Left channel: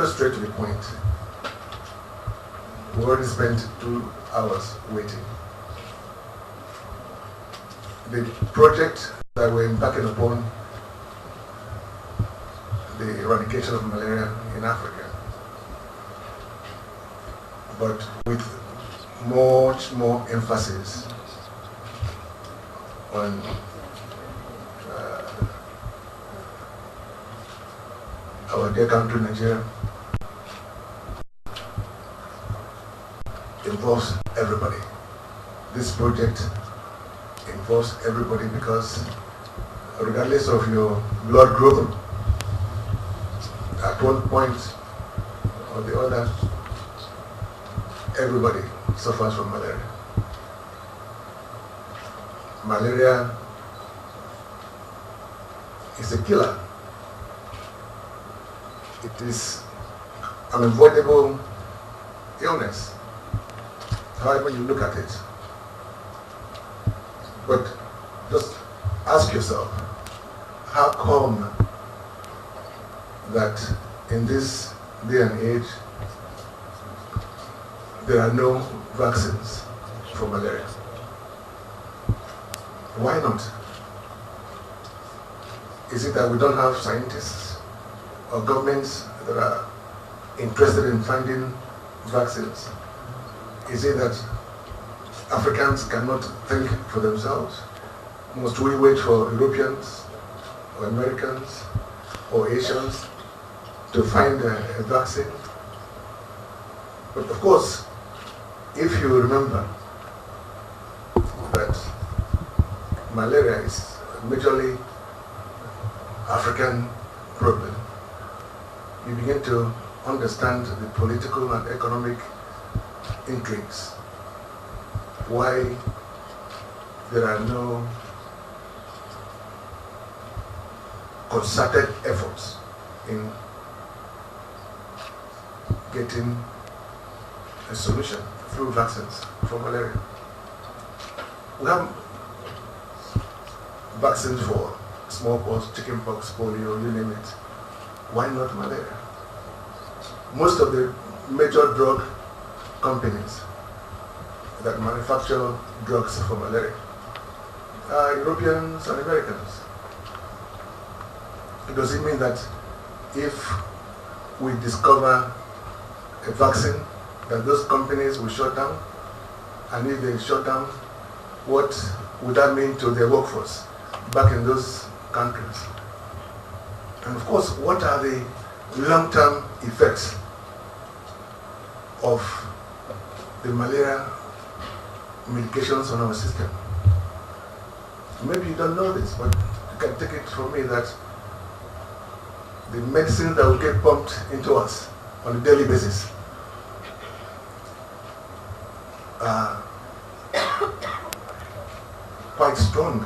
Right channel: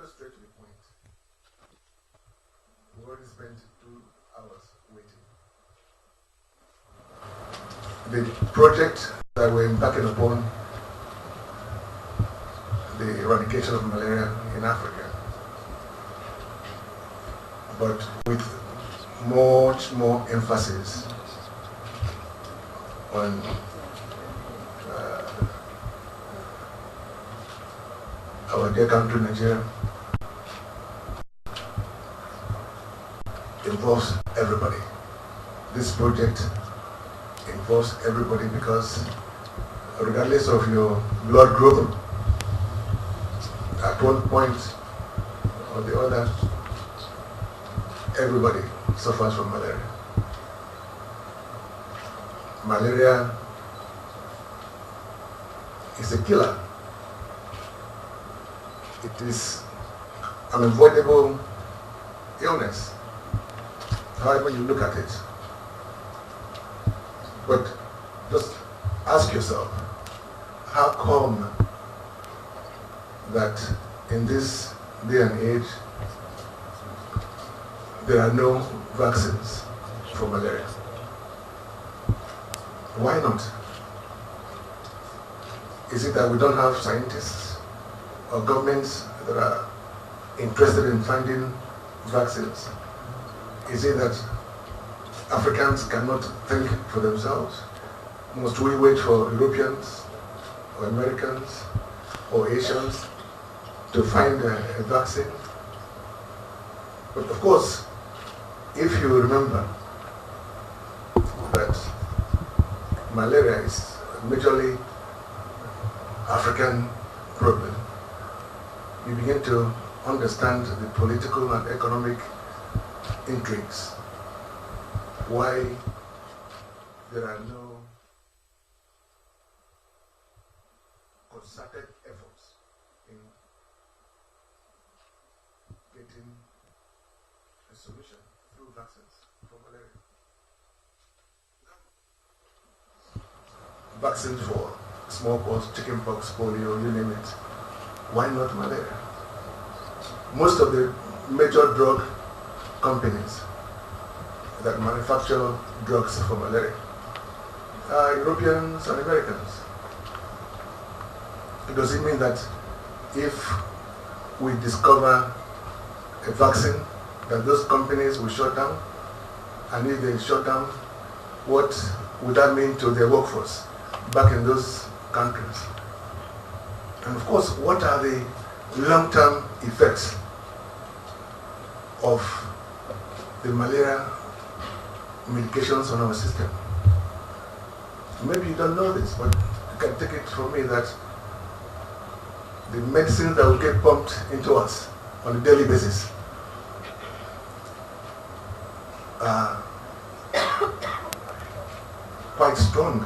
go straight to the point. We already spent 2 hours waiting. The project that we're embarking upon, the eradication of malaria in Africa, but with much more emphasis on our dear country, Nigeria, involves everybody. This project involves everybody because regardless of your blood group, at one point or the other, everybody suffers from malaria. Malaria is a killer. It is an unavoidable illness, however you look at it. But just ask yourself, how come that in this day and age there are no vaccines for malaria? Why not? Is it that we don't have scientists or governments that are interested in finding vaccines? Is it that Africans cannot think for themselves? Must we wait for Europeans or Americans or Asians to find a vaccine? But of course, if you remember that malaria is a majorly African problem, you begin to understand the political and economic intrigues, why there are no concerted efforts in getting a solution through vaccines for malaria. We have vaccines for smallpox, chickenpox, polio, you name it. Why not malaria? Most of the major drug companies that manufacture drugs for malaria are Europeans and Americans. Does it mean that if we discover a vaccine, that those companies will shut down? And if they shut down, what would that mean to their workforce back in those countries? And of course, what are the long-term effects of the malaria medications on our system? Maybe you don't know this, but you can take it from me that the medicine that will get pumped into us on a daily basis are quite strong,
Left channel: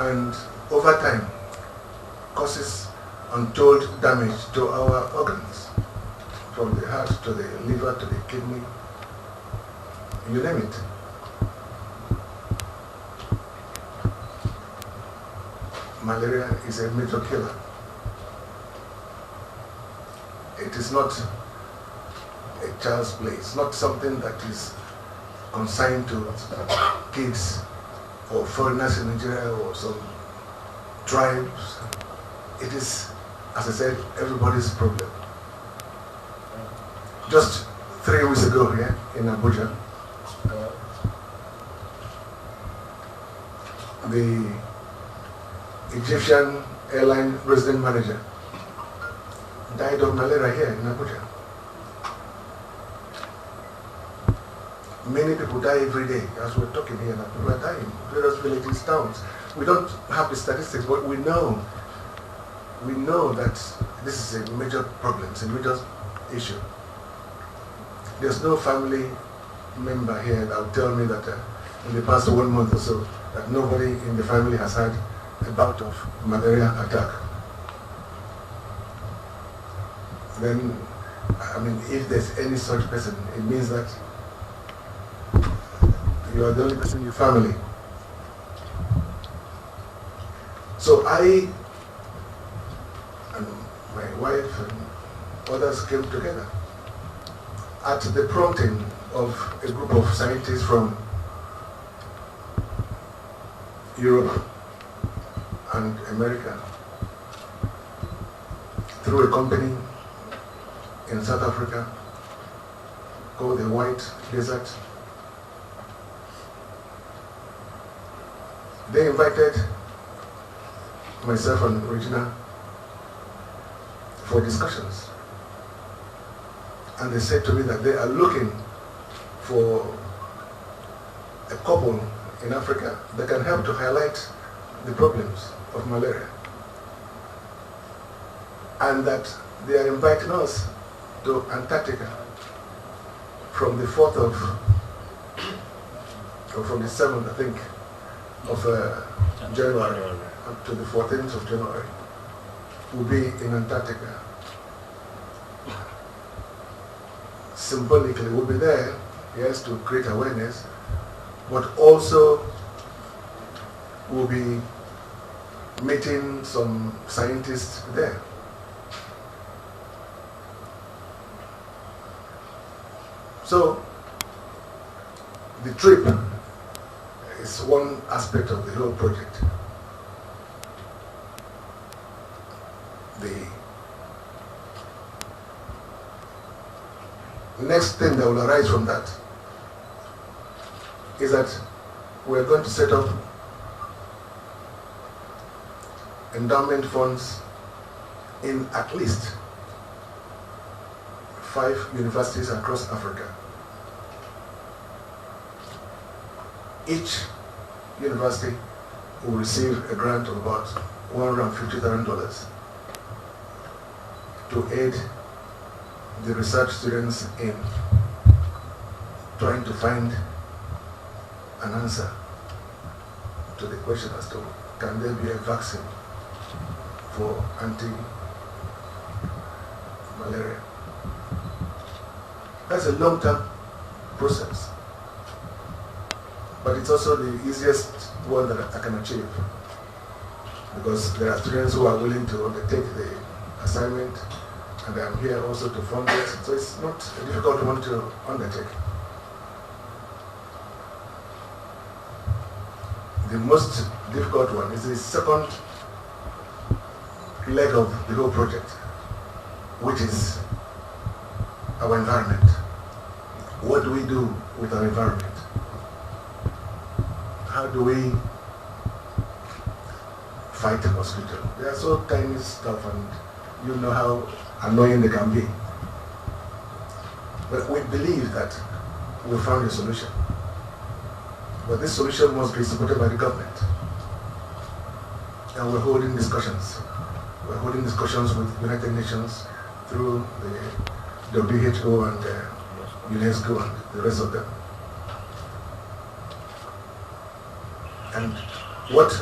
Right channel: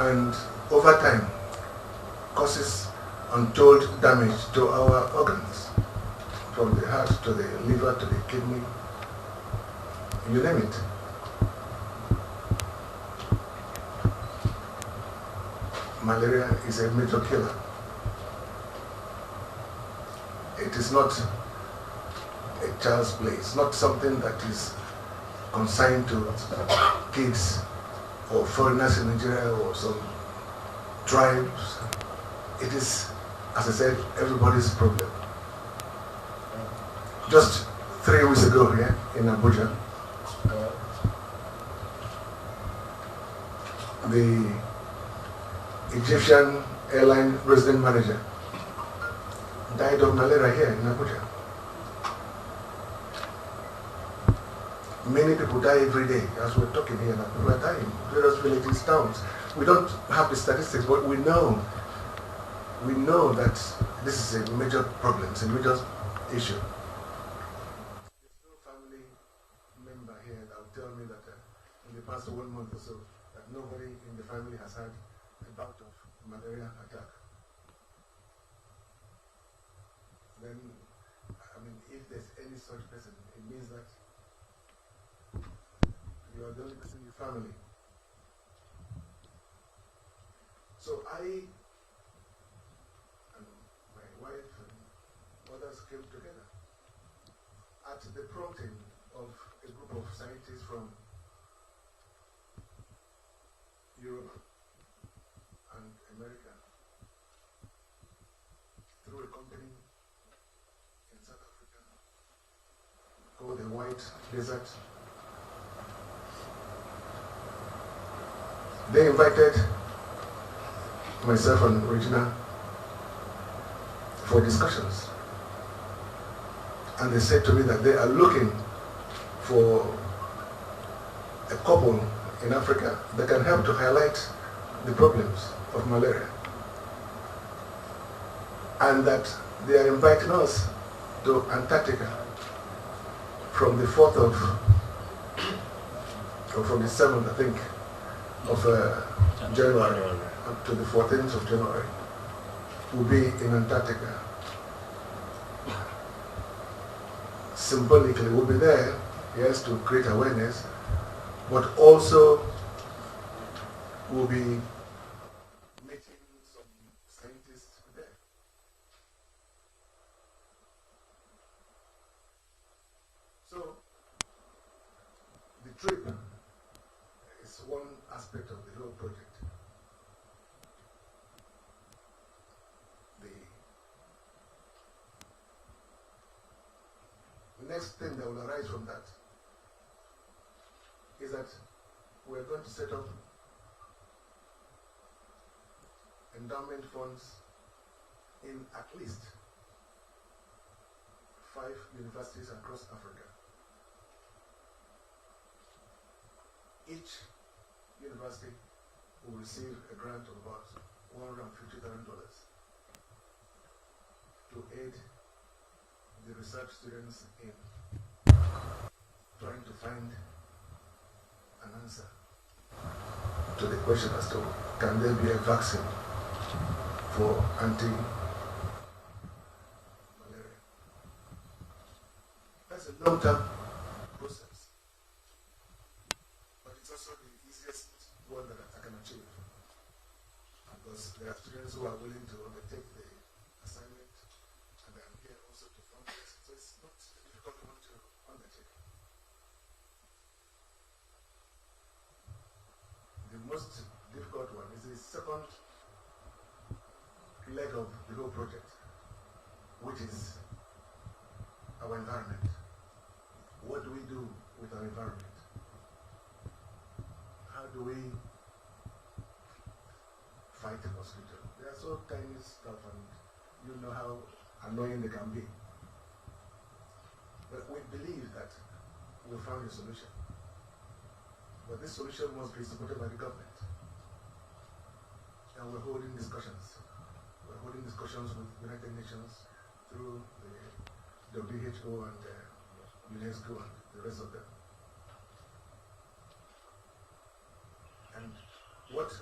and over time causes untold damage to our organs, from the heart to the liver to the kidney, you name it. Malaria is a major killer. It is not a child's play. It's not something that is consigned to kids or foreigners in Nigeria or some tribes. It is, as I said, everybody's problem. Just 3 weeks ago here in Abuja, the Egyptian airline resident manager died of malaria here in Abuja. Many people die every day, as we're talking here now. People are dying, various villages, towns. We don't have the statistics, but we know that this is a major problem, it's a major issue. There's no family member here that will tell me that in the past 1 month or so, that nobody in the family has had a bout of malaria attack. Then, I mean, if there's any such person, it means that you are the only person in your family. So I and my wife and others came together at the prompting of a group of scientists from Europe and America through a company in South Africa called the White Desert. They invited myself and Regina for discussions. And they said to me that they are looking for a couple in Africa that can help to highlight the problems of malaria. And that they are inviting us to Antarctica from the 4th of, or from the 7th, I think, of January up to the 14th of January. We'll be in Antarctica. Symbolically, we'll be there, yes, to create awareness, but also we'll be meeting some scientists there. So, the trip is one aspect of the whole project. The next thing that will arise from that is that we're going to set up endowment funds in at least 5 universities across Africa. Each university will receive a grant of about $150,000 to aid the research students in trying to find an answer to the question as to can there be a vaccine for anti-malaria. That's a long-term process, but it's also the easiest one that I can achieve, because there are students who are willing to undertake the assignment, and I'm here also to fund it, so it's not a difficult one to undertake. The most difficult one is the second leg of the whole project, which is our environment. What do we do with our environment? How do we fight the mosquito? They are so tiny stuff, and you know how annoying they can be. But we believe that we found a solution. But this solution must be supported by the government. And we're holding discussions. We're holding discussions with United Nations through the WHO and UNESCO and the rest of them. And what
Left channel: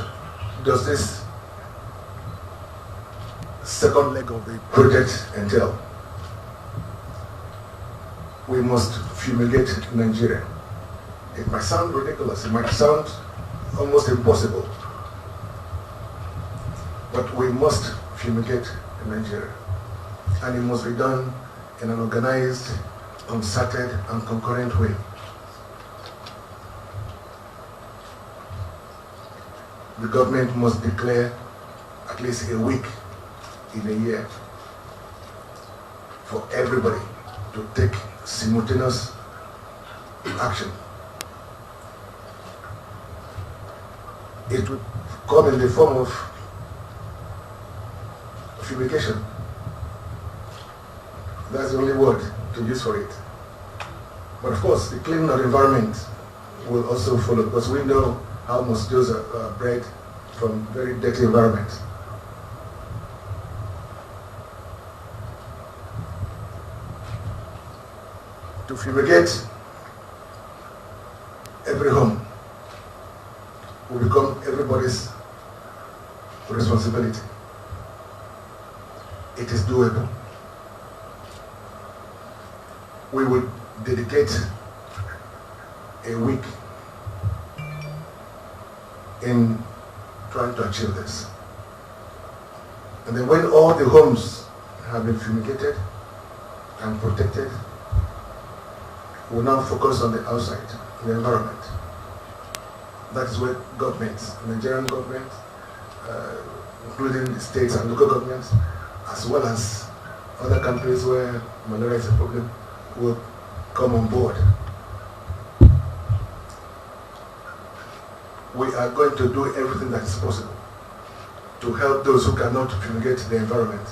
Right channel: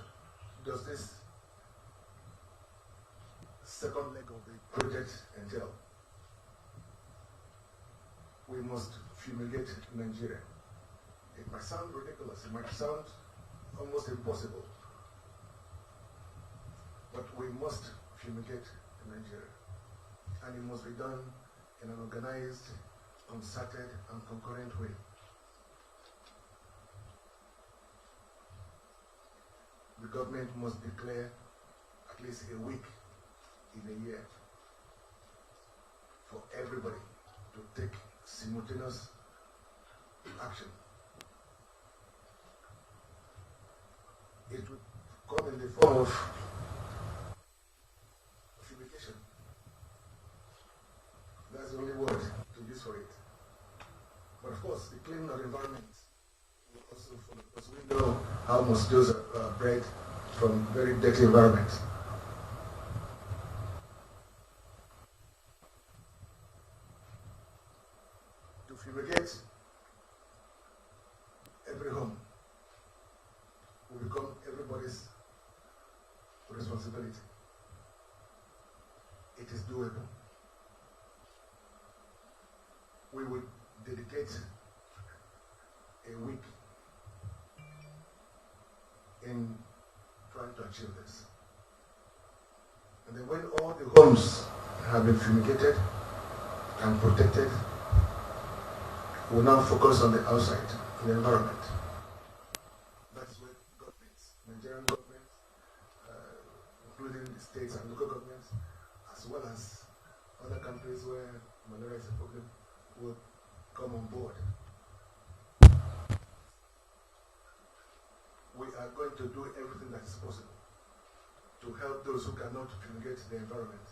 does this second leg of the project entail? We must fumigate Nigeria. It might sound ridiculous, it might sound almost impossible, but we must fumigate Nigeria. And it must be done in an organized, concerted, and concurrent way. The government must declare at least a week in a year for everybody to take simultaneous action. It would come in the form of fumigation. That's the only word to use for it. But of course, the cleaning of the environment will also follow, because we know how mosquitoes are bred from very dirty environments. To fumigate every home will become everybody's responsibility. It is doable. We will dedicate a week in trying to achieve this. And then when all the homes have been fumigated, and protected, we now focus on the outside, the environment. That is where governments, Nigerian government, including states and local governments, as well as other countries where malaria is a problem, will come on board. We are going to do everything that is possible to help those who cannot fumigate the environment.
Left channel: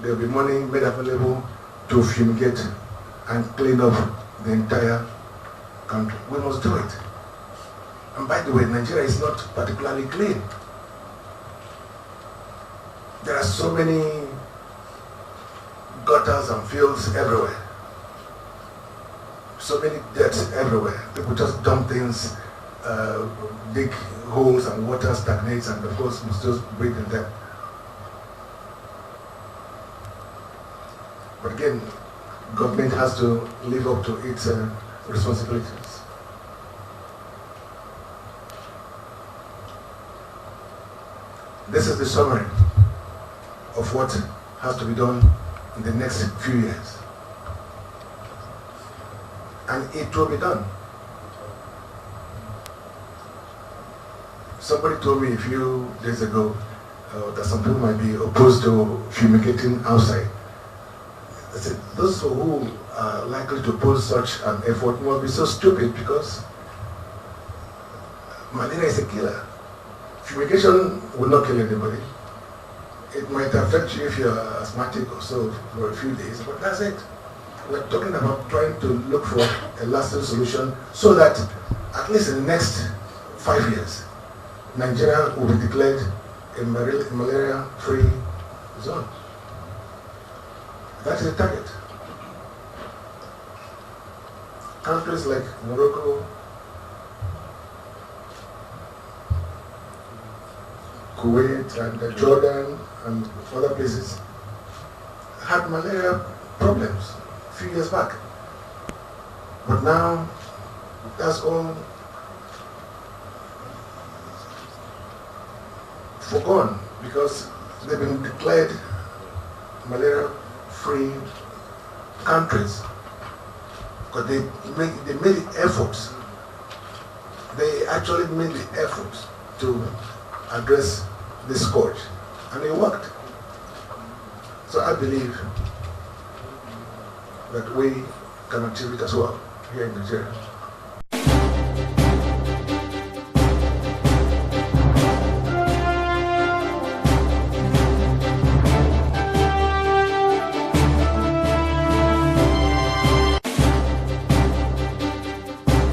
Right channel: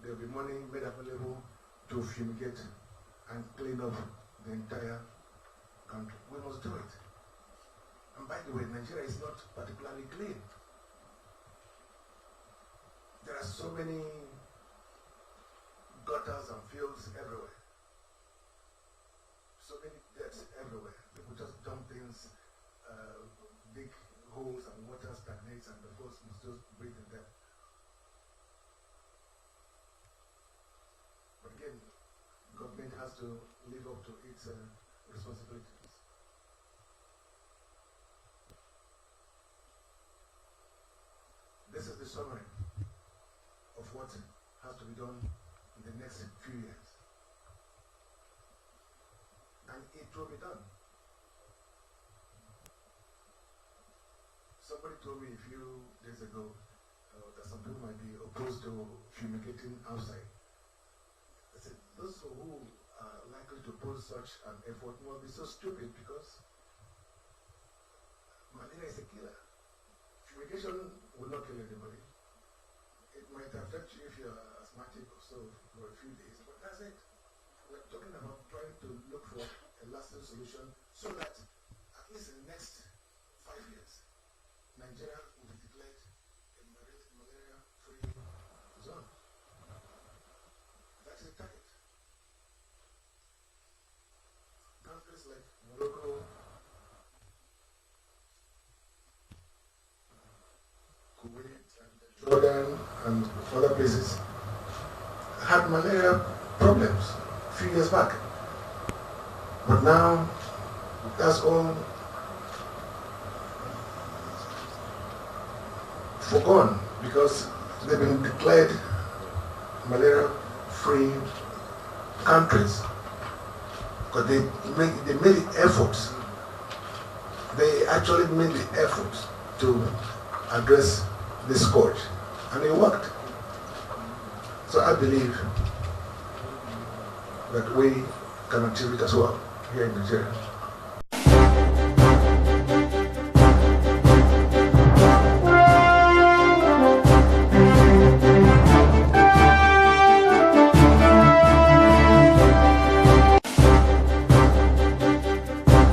There will be money made available to fumigate and clean up the entire country. We must do it. And by the way, Nigeria is not particularly clean. There are so many gutters and fields everywhere. So many debts everywhere. People just dump things, dig holes, and water stagnates, and of course mosquitoes breed in them. But again, government has to live up to its responsibilities. This is the summary of what has to be done in the next few years. And it will be done. Somebody told me a few days ago that some people might be opposed to fumigating outside. I said, those who are likely to oppose such an effort must be so stupid, because malaria is a killer. Fumigation will not kill anybody. It might affect you if you're asthmatic or so for a few days, but that's it. We're talking about trying to look for a lasting solution so that at least in the next 5 years, Nigeria will be declared a malaria-free zone. That is the target. Countries like Morocco, Kuwait, and Jordan, and other places had malaria problems a few years back. But now, that's all forgone, because they've been declared malaria-free countries. Because they made the efforts. They actually made the efforts to address the scourge, and it worked. So I believe that we can achieve it as well here in Nigeria.